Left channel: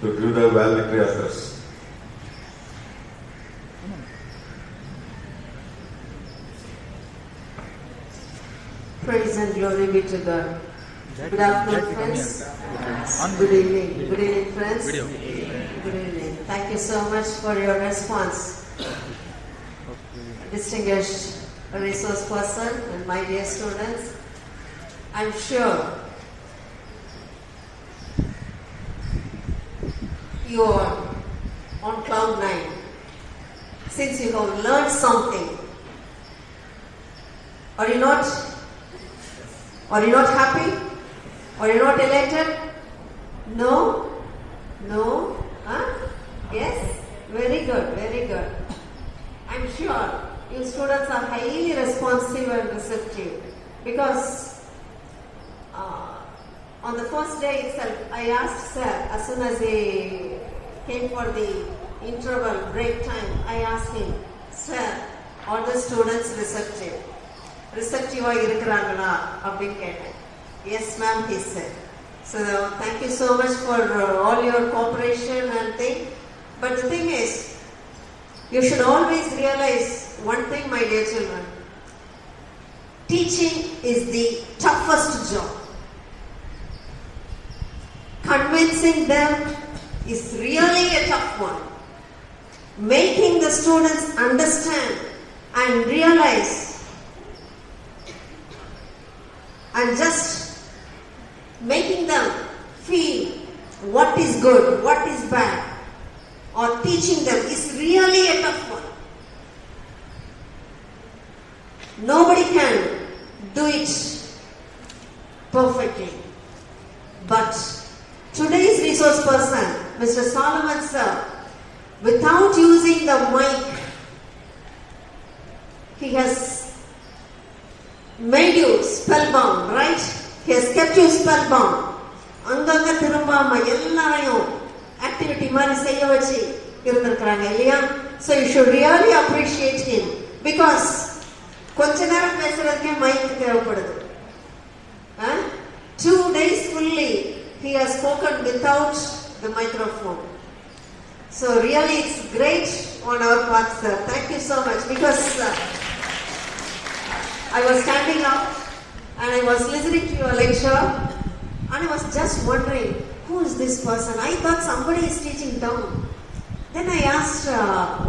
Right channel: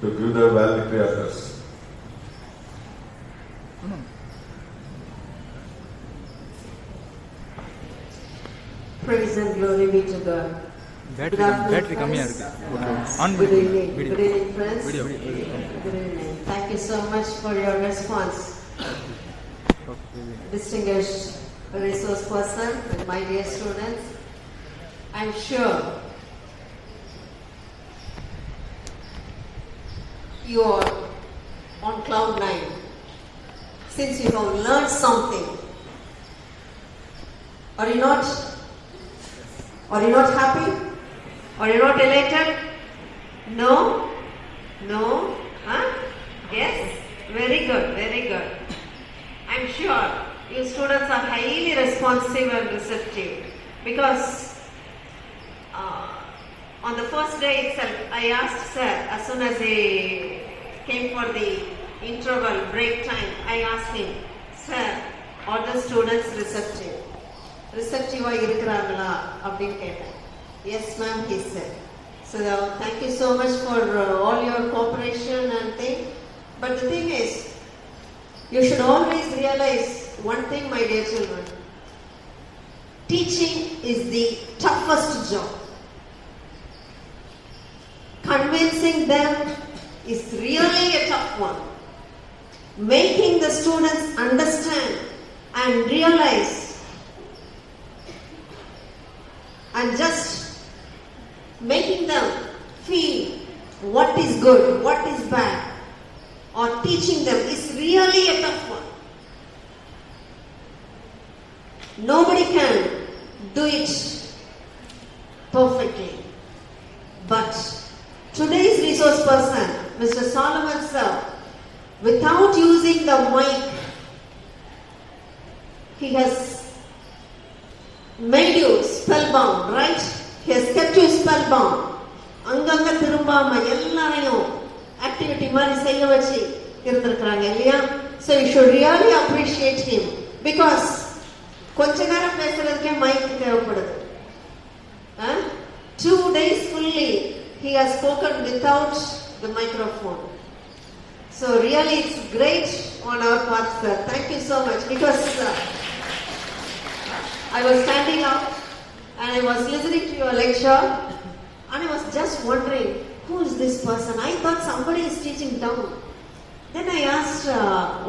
to give the valedictory address. Praise and glory be to God. Good afternoon, friends. Good evening. Good evening, friends. Good evening. Thank you so much for your response. Distinguished resource person and my dear students, I'm sure you are on cloud 9 since you have learned something. Are you not happy? Are you not elated? No? No? Huh? Yes? Very good, very good. I'm sure you students are highly responsive and receptive because on the first day itself, I asked sir, as soon as he came for the interval break time, I asked him, sir, are the students receptive? Receptive-ஆ இருக்கிறாங்களா அப்படின்னு கேட்டேன். Yes ma'am, he said. So thank you so much for all your cooperation and thing. But the thing is, you should always realize one thing, my dear children. Teaching is the toughest job. Convincing them is really a tough one. Making the students understand and realize and just making them feel what is good, what is bad, or teaching them is really a tough one. Nobody can do it perfectly. But today's resource person, Mr. Solomon sir, without using the mic, he has made you spellbound, right? He has kept you spellbound. அங்கங்க திரும்பாம எல்லாரையும் activity மாதிரி செய்ய வச்சு இருந்திருக்கிறாங்க இல்லையா? So you should really appreciate him because கொஞ்ச நேரம் பேசுறதுக்கே mic தேவைப்படுது. 2 days fully he has spoken without the microphone. So really it's great on our part, sir. Thank you so much because I was standing up and I was listening to your lecture and I was just wondering, who is this person? I thought somebody is teaching down. Then I asked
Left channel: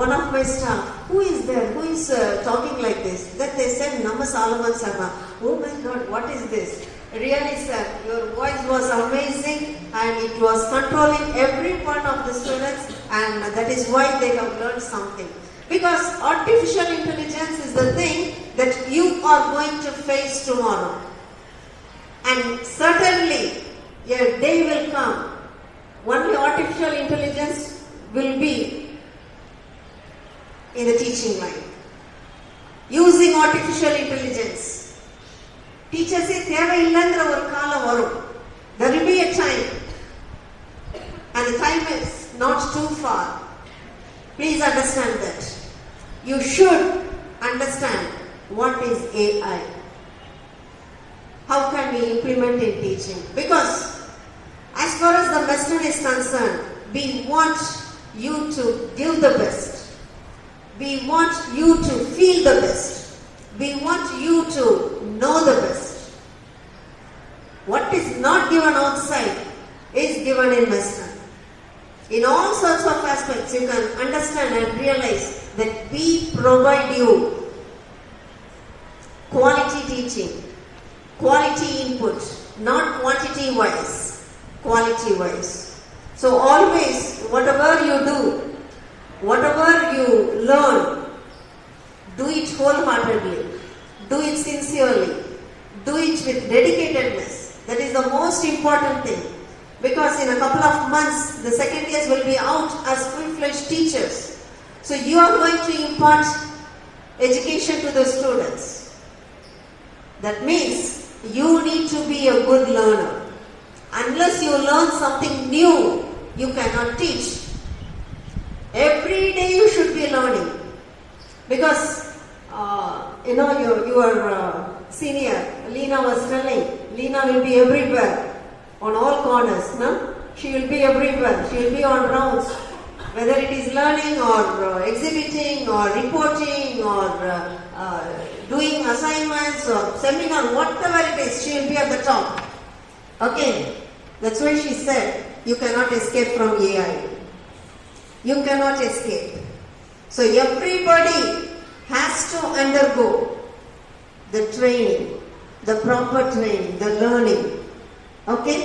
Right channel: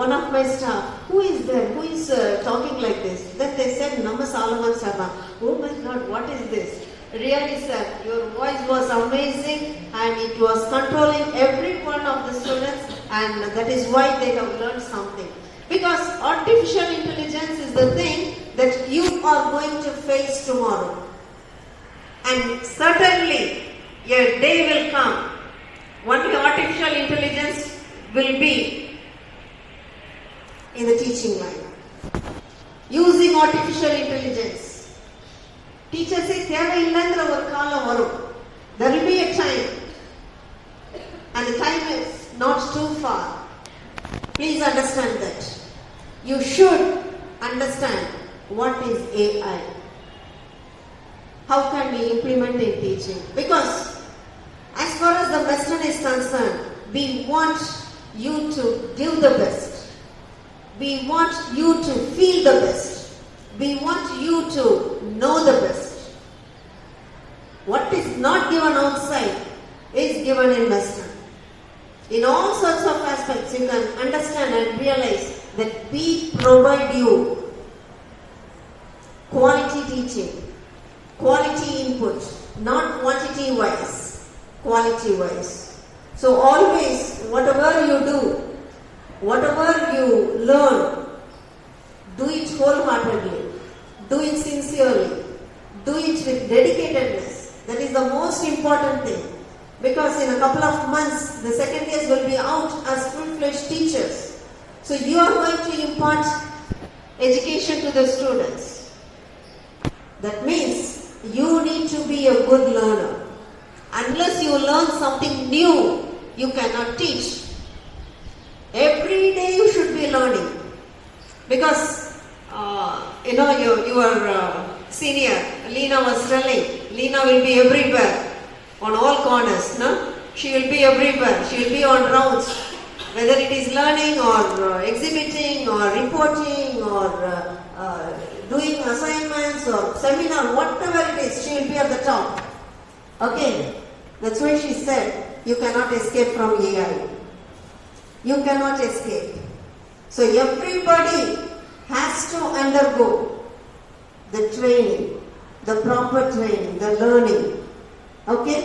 one of my staff, who is there? Who is talking like this? Then they said, Nama Solomon Sarma. Oh my God, what is this? Really, sir, your voice was amazing and it was controlling every one of the students, and that is why they have learned something. Because artificial intelligence is the thing that you are going to face tomorrow. And certainly, a day will come, only artificial intelligence will be in the teaching line. Using artificial intelligence. Teachers say, தேவையில்லைங்கிற ஒரு காலம் வரும். There will be a time. And the time is not too far. Please understand that. You should understand what is AI. How can we implement in teaching? Because as far as the lesson is concerned, we want you to give the best. We want you to feel the best. We want you to know the best. What is not given outside is given in Western. In all sorts of aspects, you can understand and realize that we provide you quality teaching, quality input, not quantity wise, quality wise. So always, whatever you do, whatever you learn, do it wholeheartedly, do it sincerely, do it with dedicatedness. That is the most important thing. Because in a couple of months, the second years will be out as full-fledged teachers. So you are going to impart education to the students. That means you need to be a good learner. Unless you learn something new, you cannot teach. Every day you should be learning. Because, your senior, Leena was telling, Leena will be everywhere, on all corners. No? She will be everywhere. She will be on rounds. Whether it is learning or exhibiting or reporting or doing assignments or seminar, whatever it is, she will be at the top. Okay? That's why she said, you cannot escape from AI. You cannot escape. So everybody has to undergo the training, the proper training, the learning. Okay?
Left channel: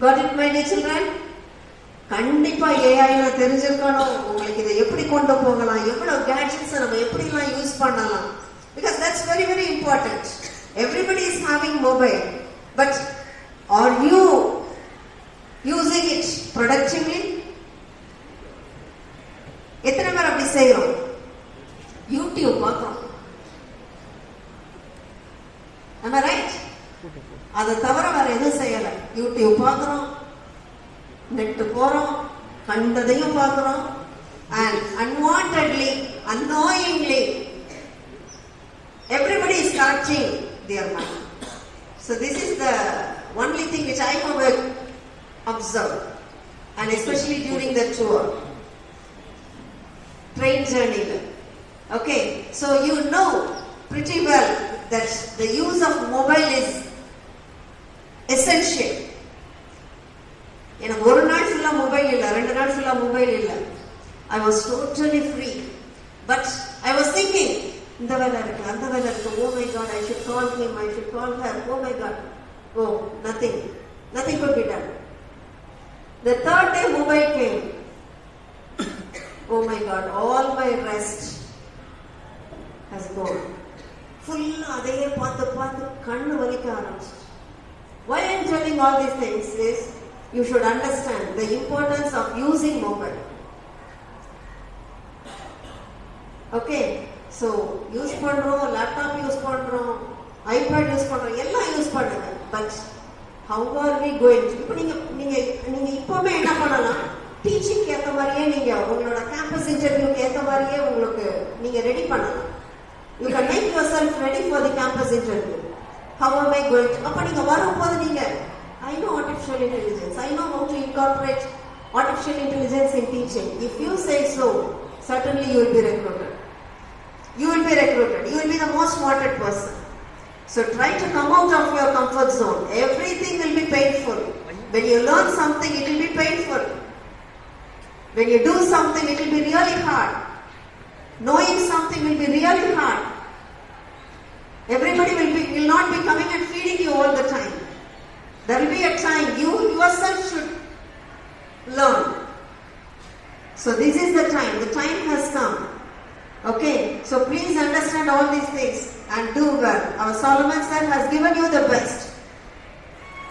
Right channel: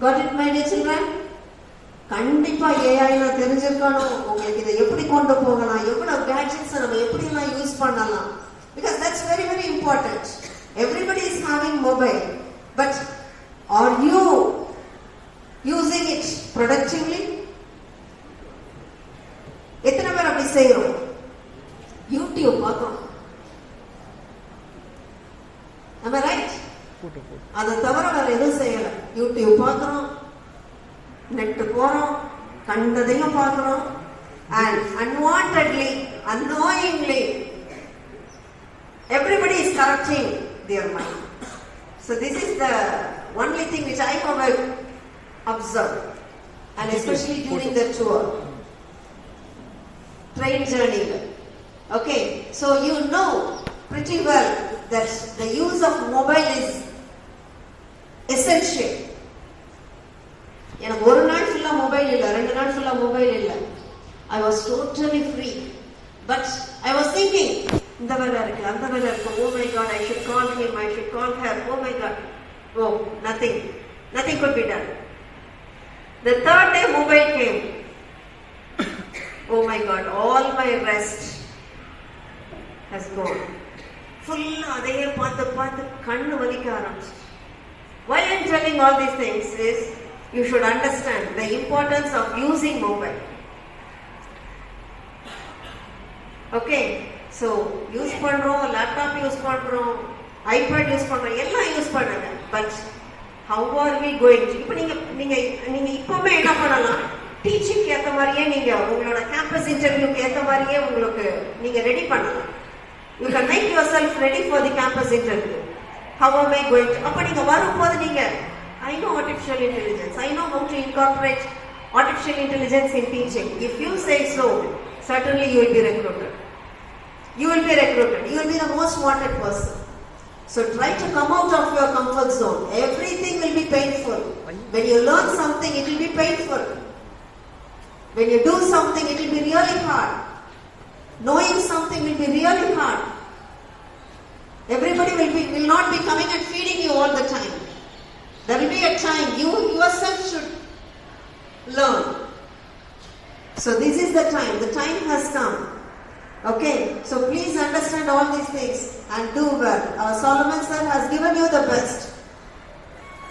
Got it, my dear children? கண்டிப்பா ஏஐல தெரிஞ்சிருக்கணும். உங்களுக்கு இதை எப்படி கொண்டு போகலாம், எவ்வளவு gadgets நம்ம எப்படிலாம் யூஸ் பண்ணலாம். Because that's very very important. Everybody is having mobile, but are you using it productively? எத்தனை பேர் அப்படி செய்யறோம்? யூடியூப் பார்க்கிறோம். Am I right? அதை தவிர வேற எதுவும் செய்யல. யூடியூப் பார்க்கிறோம், நெட் போறோம், கண்டதையும் பார்க்கிறோம், and unwantedly, unknowingly, everybody is correcting their mind. So this is the only thing which I have observed, and especially during the tour, train journey. Okay, so you know pretty well that the use of mobile is essential. எனக்கு ஒரு நாள் ஃபுல்லா mobile இல்ல, 2 நாள் ஃபுல்லா mobile இல்ல. I was totally free. But I was thinking, இந்த வேலை இருக்கு, அந்த வேலை இருக்கு. Oh my God, I should call him, I should call her. Oh my God. Oh, nothing could be done. The third day mobile came. Oh my God, all my rest has gone. Full அதையே பார்த்து கண்ணு வலிக்க ஆரம்பிச்சு. Why I am telling all these things is, you should understand the importance of using mobile. Okay, so use பண்றோம், laptop use பண்றோம், iPad use பண்றோம், எல்லாம் use பண்ணுங்க. But how are we going to? இப்போ நீங்க இப்பவே என்ன பண்ணலாம்? டீச்சிங் ஏத்த மாதிரியே நீங்க உங்களோட கேம்பஸ் இன்டர்வியூக்கு ஏத்த மாதிரியே உங்களுக்கு நீங்க ரெடி பண்ணலாம். You can make yourself ready for the campus interview. How am I going to? அப்ப நீங்க வரும்போது நீங்க I know artificial intelligence. I know how to incorporate artificial intelligence in teaching. If you say so, certainly you will be recruited. You will be recruited. You will be the most wanted person. So try to come out of your comfort zone. Everything will be painful. When you learn something, it will be painful. When you do something, it will be really hard. Knowing something will be really hard. Everybody will not be coming and feeding you all the time. There will be a time you yourself should learn. So this is the time. The time has come. Okay, so please understand all these things and do well. Our Solomon sir has given you the best.